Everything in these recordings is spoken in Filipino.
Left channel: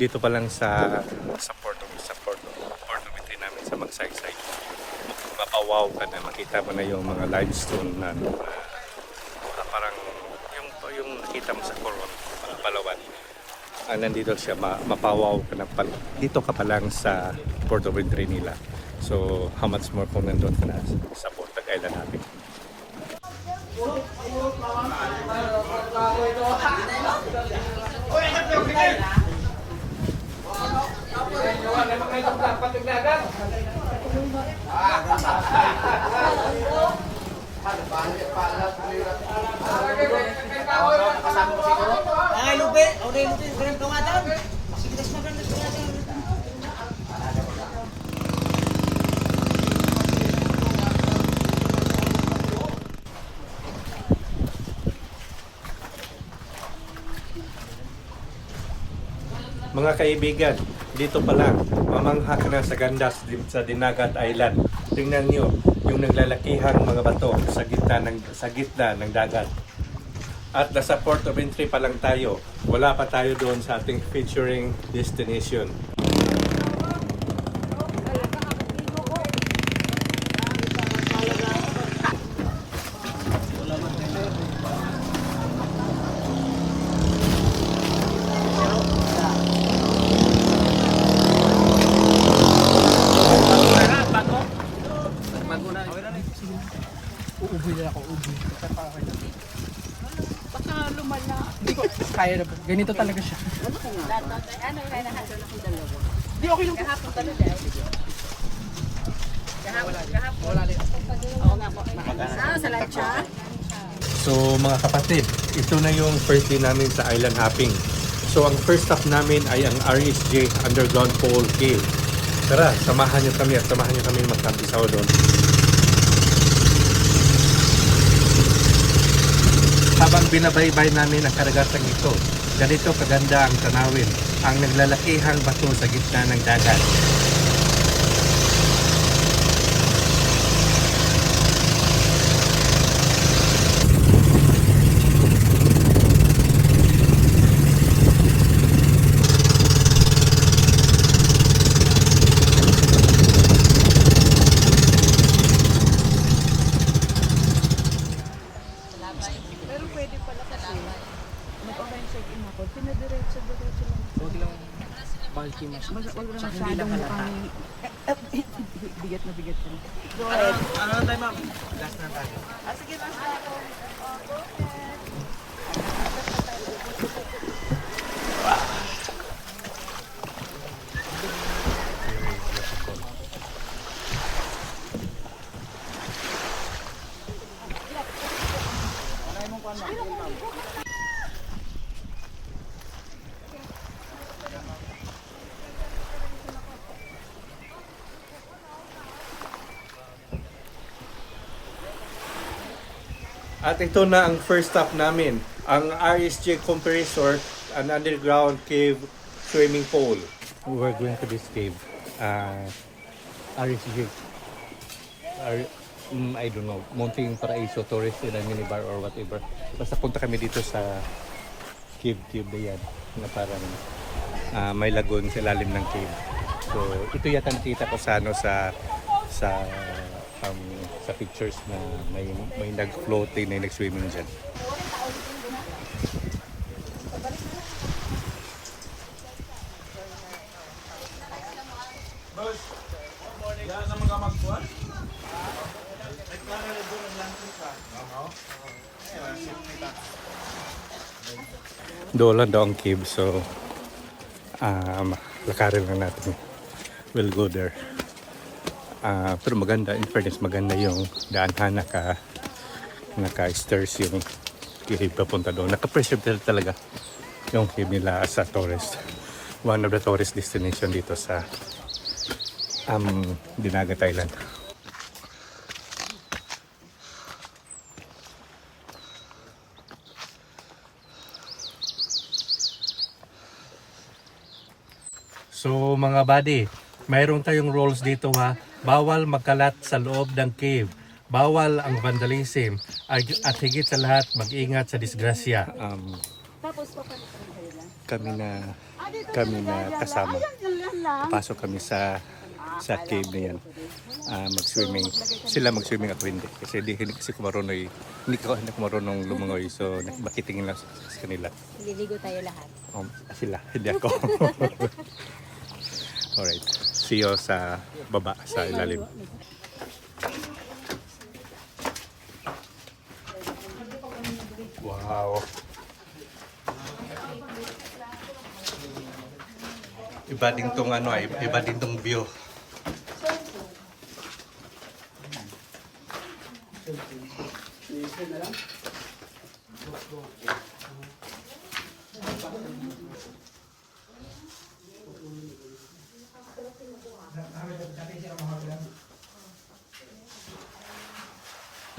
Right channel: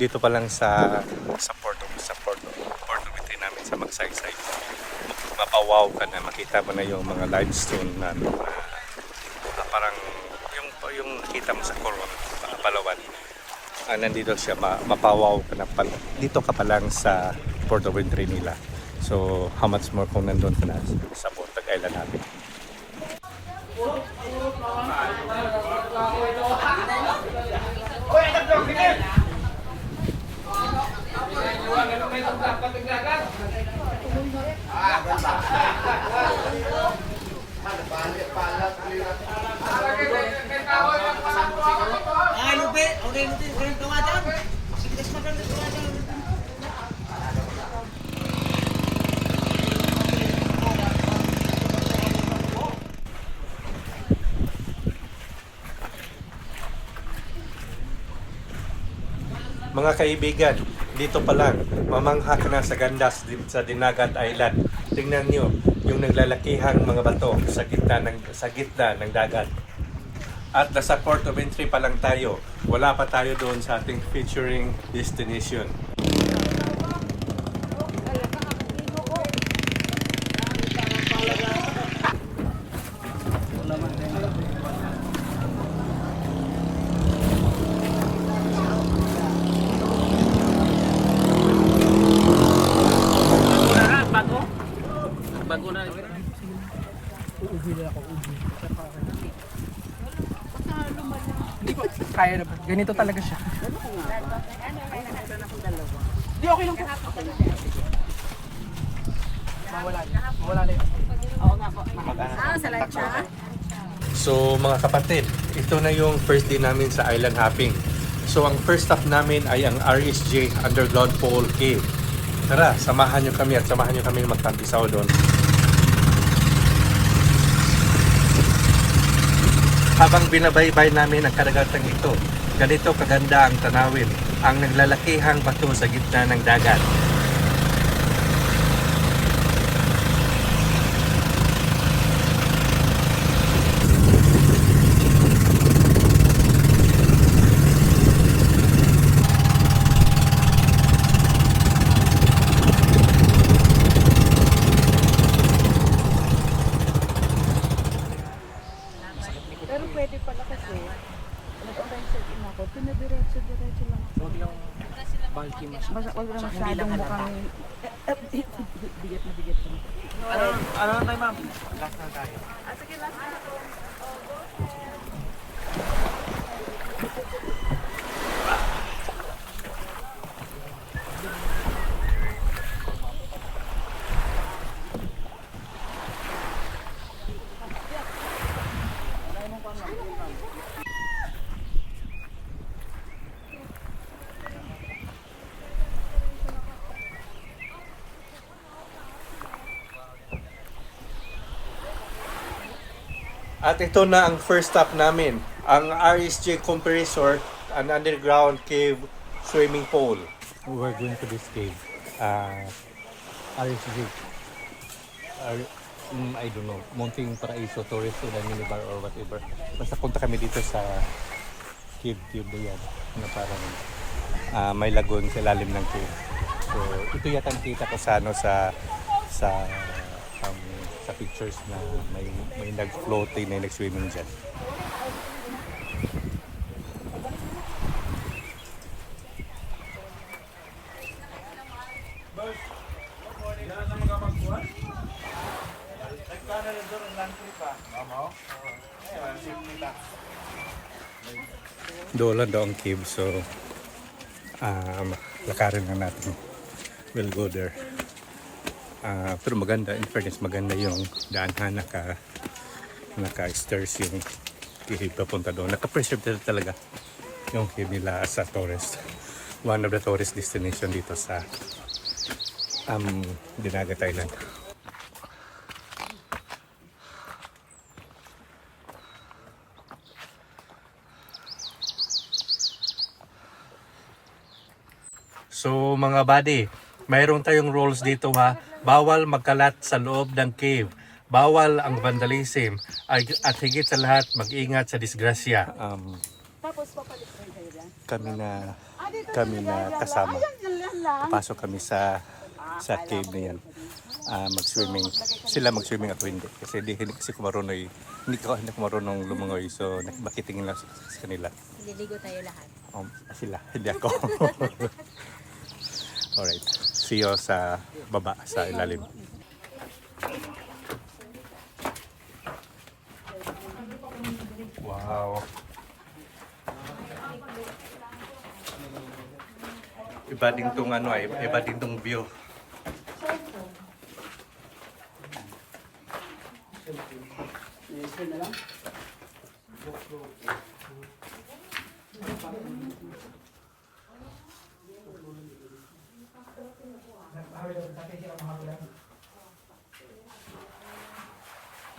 Dito pa lang sa Porto Vitry namin sa Magsaysay, mapawaw ka na, makita mo na yung mga limestone na parang yung nakita mo sa Coron, Palawan. Nandito siya, mapawaw ka na pala. Dito ka pa lang sa Porto Vitry nila. So how much more kung nandun ka na sa Bontag Island natin. Mga kaibigan, dito pa lang, mamangha ka na sa ganda sa Dinagat Island. Tingnan nyo yung naglalakihang mga bato sa gitna ng dagat. At nasa Port of Entry pa lang tayo, wala pa tayo doon sa ating featuring destination. Kaya na ba? Ganito talaga siya. Ano ko nga ba? Meron akong dalawa. Di okay lang. Kahapon talaga. Wala na yun. Oo nga po. Sa lancha? So mga kapatid, ito na yung first day namin sa island hopping. So ang first stop namin ay ang RSJ Underground Pole Cave. Tara, samahan nyo kami magtampisaw doon. Habang binabaybay namin ang karagatang ito, ganito kaganda ang tanawin, ang naglalakihang bato sa gitna ng dagat. Basta wala na masyadong mukhang bigat na bigat. Ano na tayo, ma'am? Last na tayo. At ito na ang first stop namin, ang RSJ Compressor, an underground cave swimming pool. We're going to this cave, RSJ. I don't know, Munting Paraiso Tourist in a minibar or whatever. Basta punta kami dito sa cave na yan, na parang may lagoon sa ilalim ng cave. So ito yata nakita ko sa sa pictures na may nag-floating na nag-swimming dyan. Doon lang daw ang cave, so lakarin lang natin. We'll go there. Pero maganda, in fairness, maganda yung daanhan, naka-stairs yung cave papunta doon. Naka-preserve talaga yung cave nila sa tourist. One of the tourist destination dito sa Dinagat Island. So mga buddy, mayroon tayong rules dito ha. Bawal magkalat sa loob ng cave. Bawal ang vandalism. At higit sa lahat, mag-ingat sa disgrasya. Tapos papalit kayo dyan. Kami na kasama. Pasok kami sa cave na yan. Mag-swimming. Sila mag-swimming ako hindi. Kasi hindi kasi ko marunong, hindi ko marunong lumangoy. So makitingin lang sa kanila. Liligo tayo lahat. Sila, hindi ako. Alright. See you sa baba, sa ilalim. Wow. Iba din tong iba din tong view.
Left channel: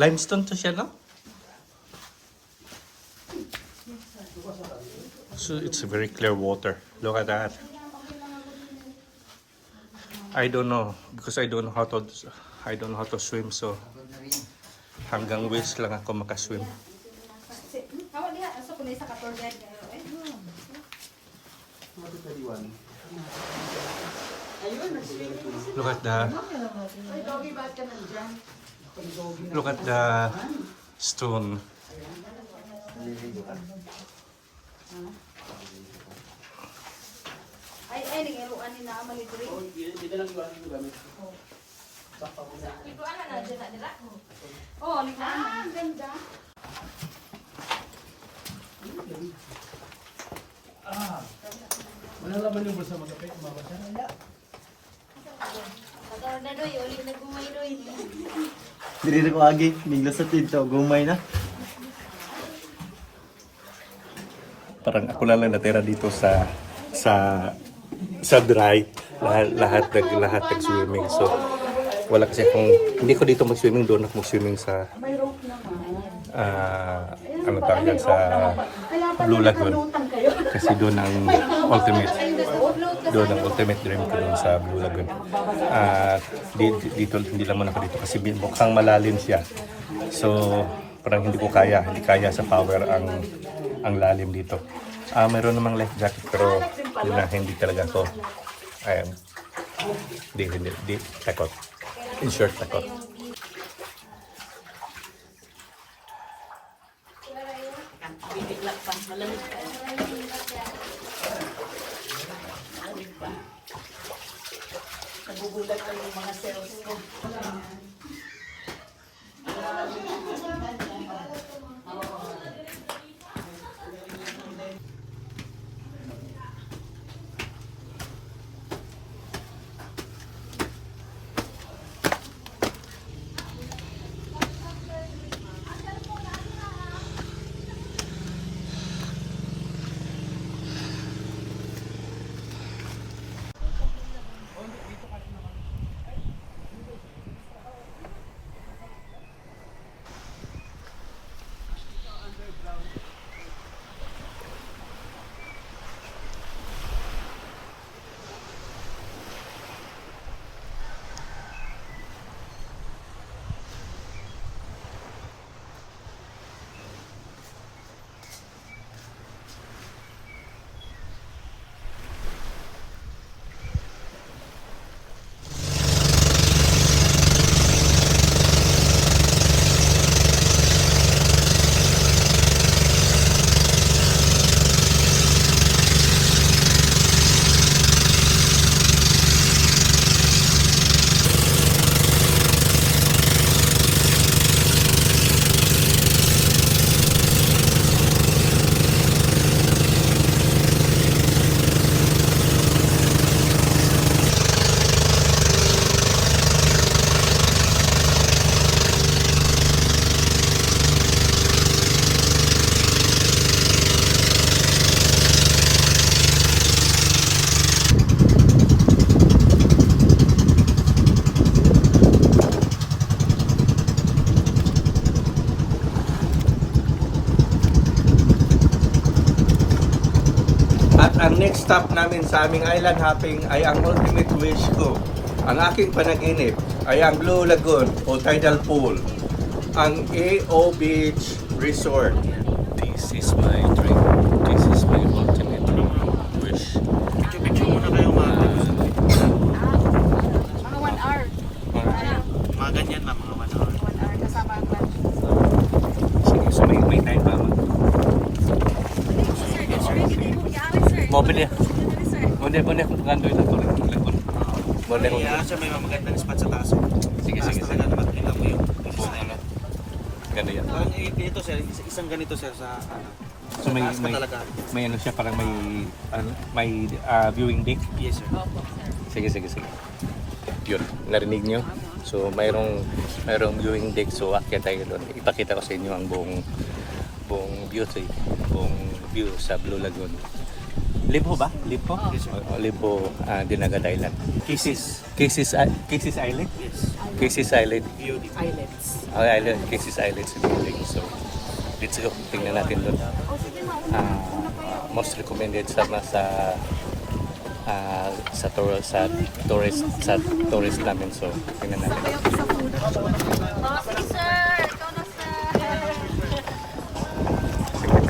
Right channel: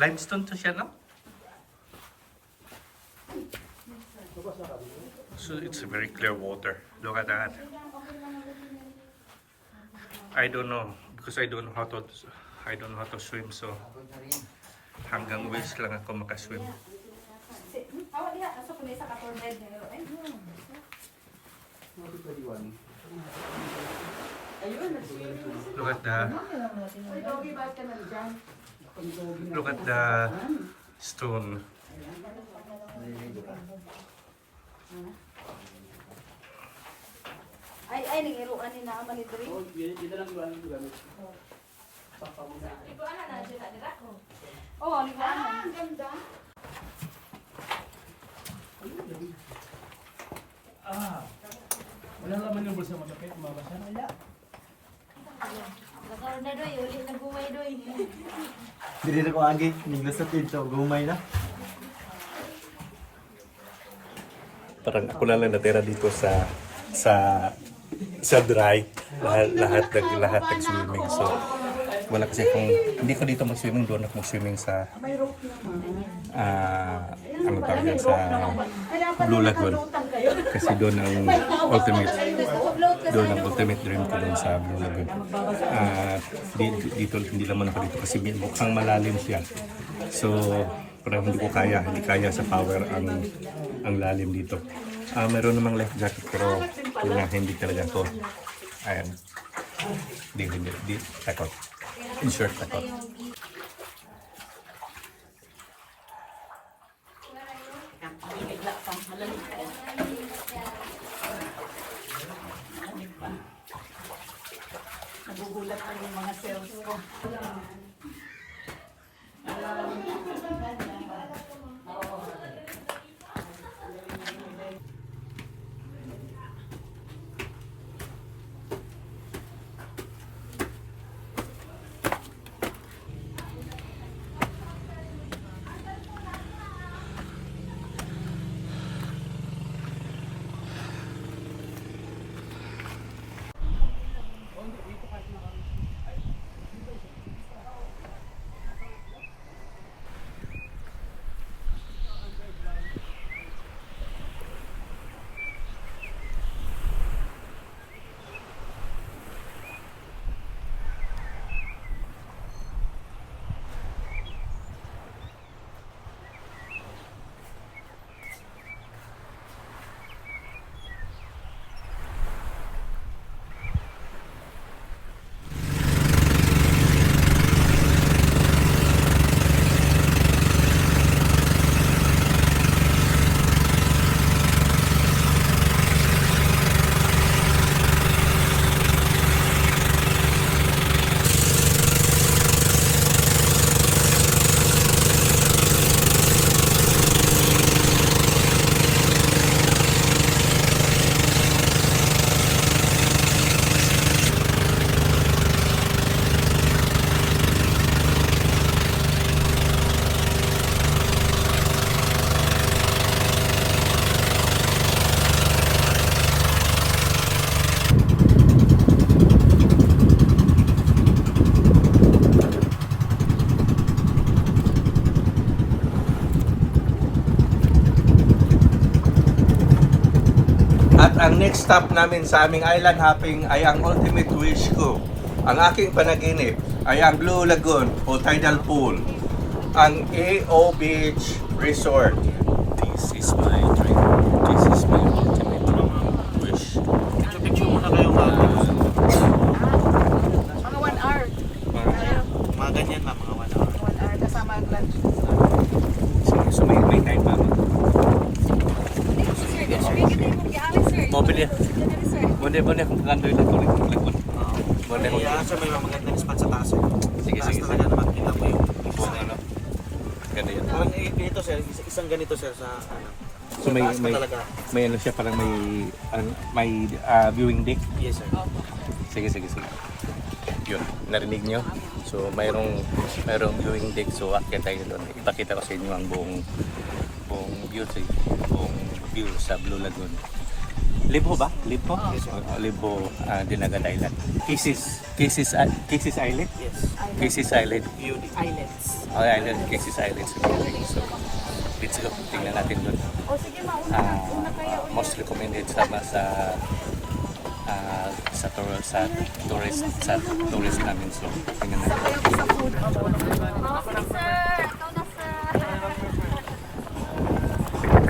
Limestone to siya, no? So it's very clear water. Look at that. I don't know because I don't know how to swim, so hanggang waist lang ako makaswim. Look at the stone. Ay, nangiruan ni na malidri. Dito lang ba ang gamit? Ito ana na dira. Oh, liglaan. Ganda. Wala naman yung bulsa magapit, mabasa. Ano na doy, uli na gumay doy. Diri na ko agi, miglas sa tinta, gumay na. Parang ako na lang natira dito sa dry. Lahat nag-swimming. So wala kasi akong, hindi ko dito mag-swimming, doon ako mag-swimming sa ano tawag yan, sa Blue Lagoon. Kasi doon ang ultimate dream ko doon sa Blue Lagoon. Dito hindi naman ako dito kasi mukhang malalim siya. So parang hindi kaya sa power ang lalim dito. Mayroon namang life jacket pero hindi talaga ako. Ayan. Hindi takot. In short, takot. Bibigla pa, malamig pa. Nagugulat ka ng mga cells ko. At ang next stop namin sa aming island hopping ay ang ultimate wish ko. Ang aking panaginip ay ang Blue Lagoon o Tidal Pool. Ang AO Beach Resort. This is my dream. This is my ultimate wish. Picture muna kayo mga. Mga 1 hour. Mga ganyan lang, mga 1 hour. 1 hour kasama ang lunch. So may time pa. Mobile ya. Boleh kung kandoy lang tuloy ng lagoon. Boleh kung Kaya siya may mga magandang spot sa taas. sige Taas sige. talaga naman kita mo yung Buong ano. Ganda yan. Parang ito sir, isang ganito sir sa ano. So may Taas pa talaga. may ano siya parang may viewing deck. Yes sir. Sige. Yun, narinig nyo? So mayroong viewing deck, so akyat tayo doon. Ipakita ko sa inyo ang buong view sa Blue Lagoon. Libho ba? Libho? Libho, Dinagat Island. Kisses Island? Yes. Kisses Island. Islands. Kisses Island sa building. So, let's go. Tingnan natin doon. Most recommended sa tourist namin. So, tingnan natin.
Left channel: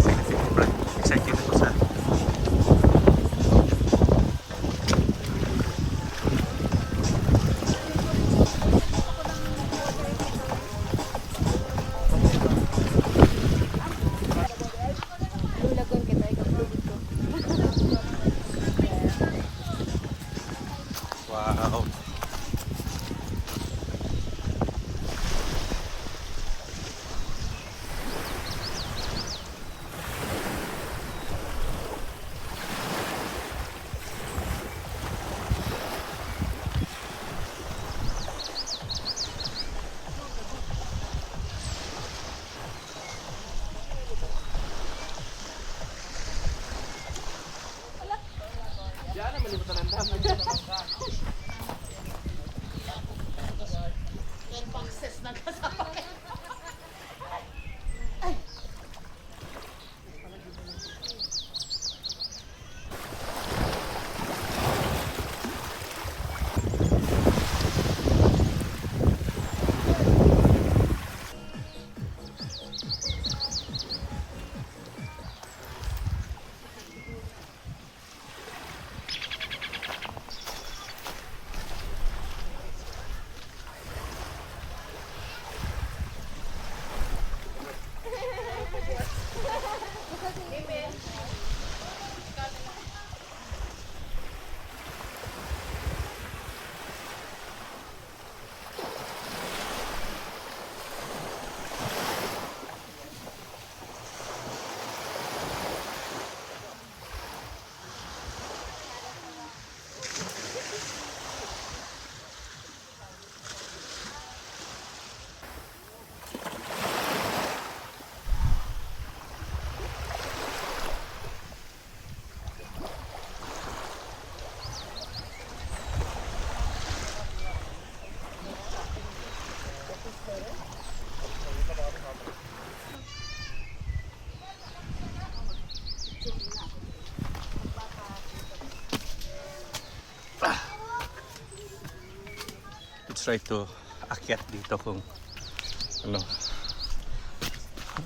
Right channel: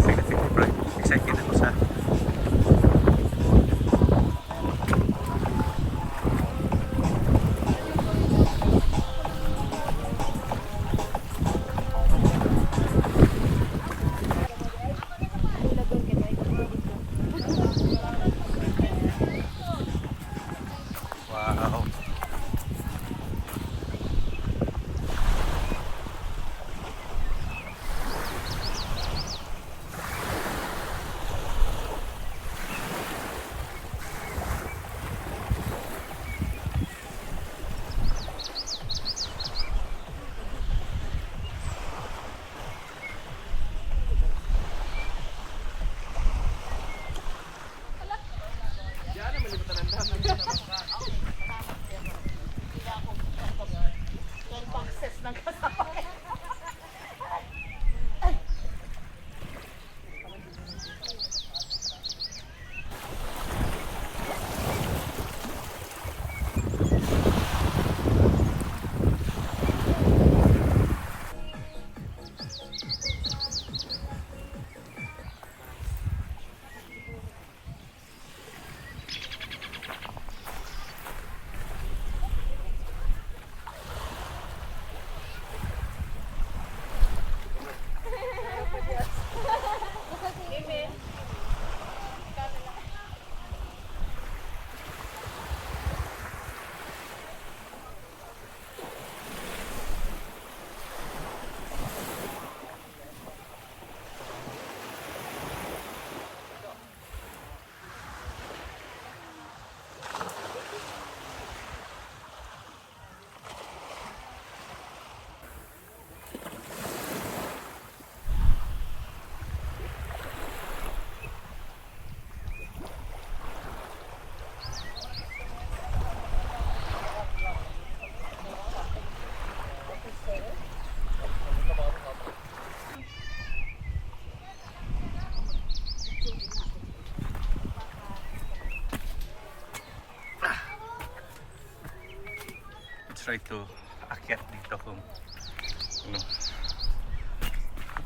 Sige, bro. Excited ako sa wow. Try to akyat dito kung ano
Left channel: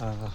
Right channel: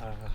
wow.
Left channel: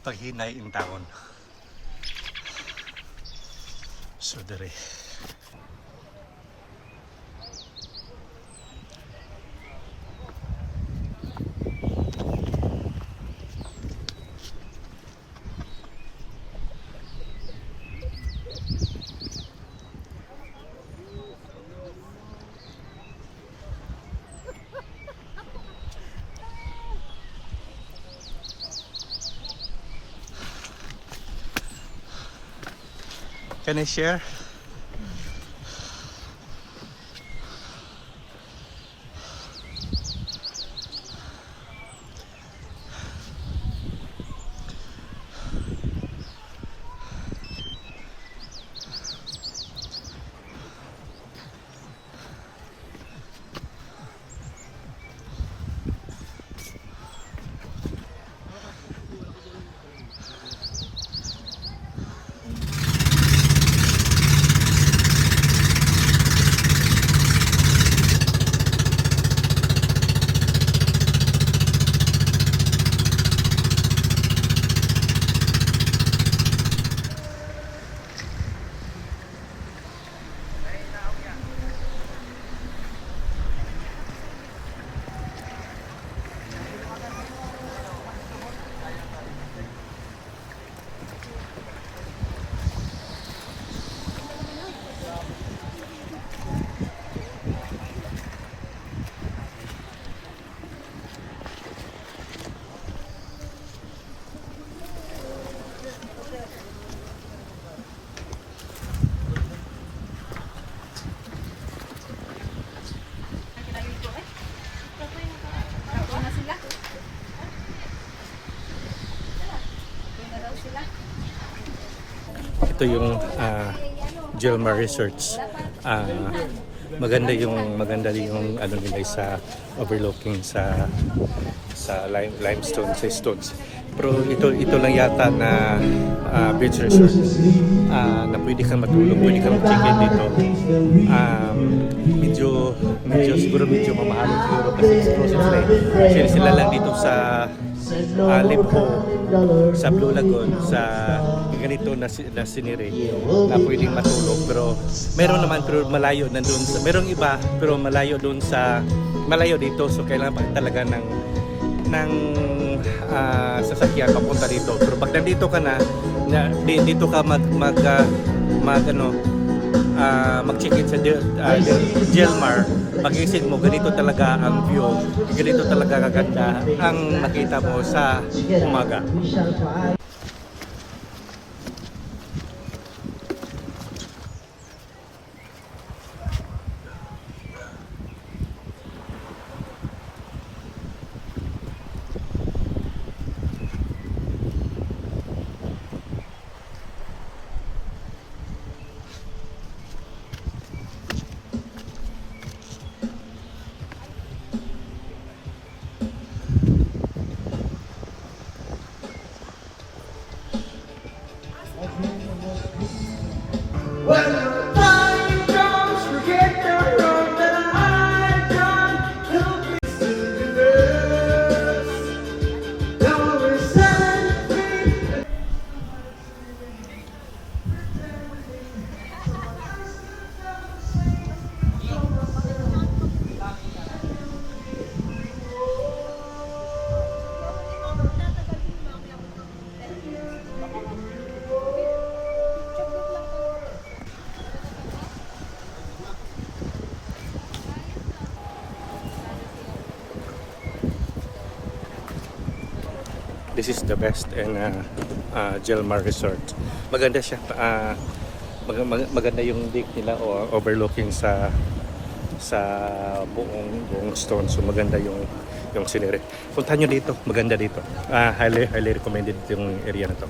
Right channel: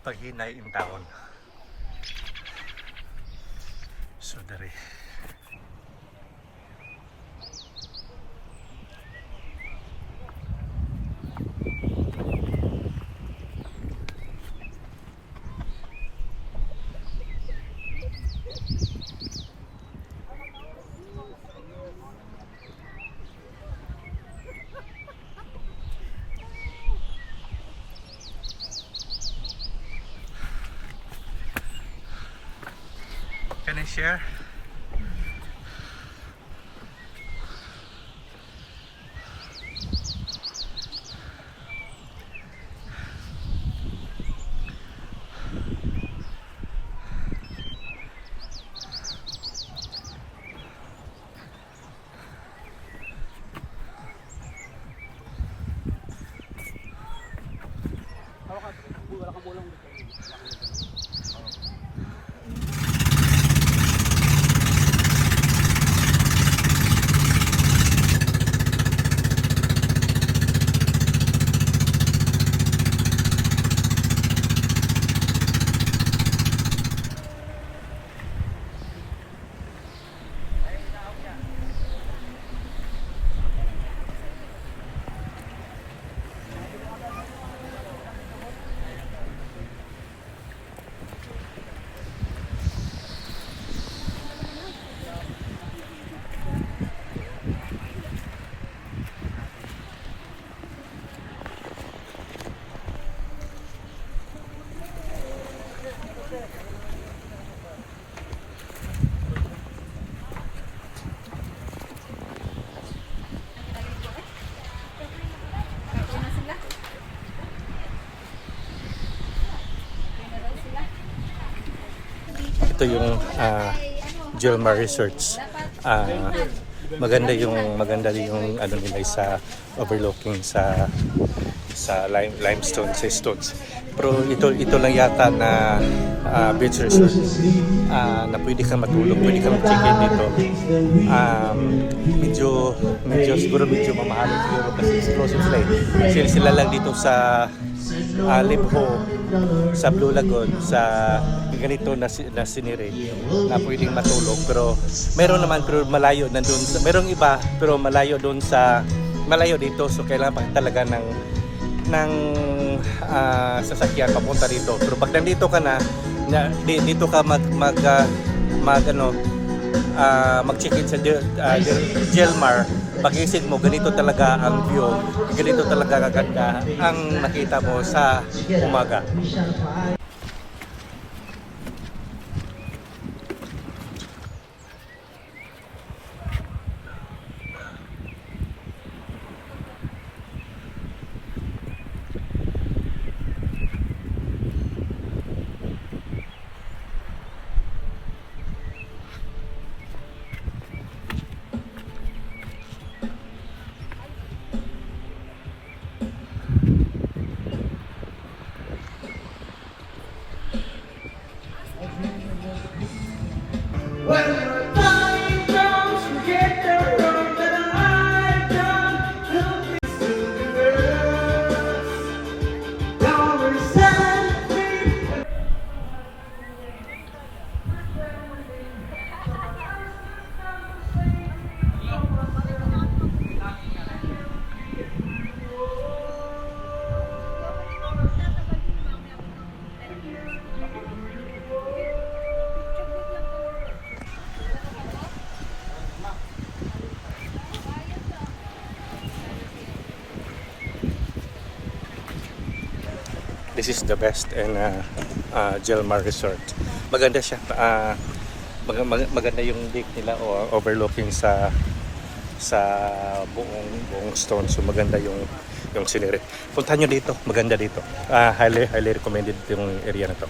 Paghinay in town. So dere. Can I share? Ito yung Jelmar Resorts. Maganda yung ano nila sa overlooking sa limestone, sa stones. Pero ito lang yata na beach resort na pwede kang matulog, pwede kang mag-check-in dito. Medyo siguro medyo mamahalin siguro kasi exclusive sila lang dito sa Libho, sa Blue Lagoon, sa ganito na scenery na pwedeng matulog. Pero meron naman pero malayo nandun, merong iba pero malayo dito, so kailangan pa talaga ng sasakyan papunta dito. Pero pag nandito ka dito ka mag-check-in sa Jelmar, pag-isip mo ganito talaga ang view, ganito talaga kaganda ang nakita mo sa umaga. This is the best and Jelmar Resort. Maganda siya. Maganda yung lake nila o overlooking sa buong stone. So maganda yung scenery. Puntahan nyo dito. Maganda dito. Highly recommended yung area na to.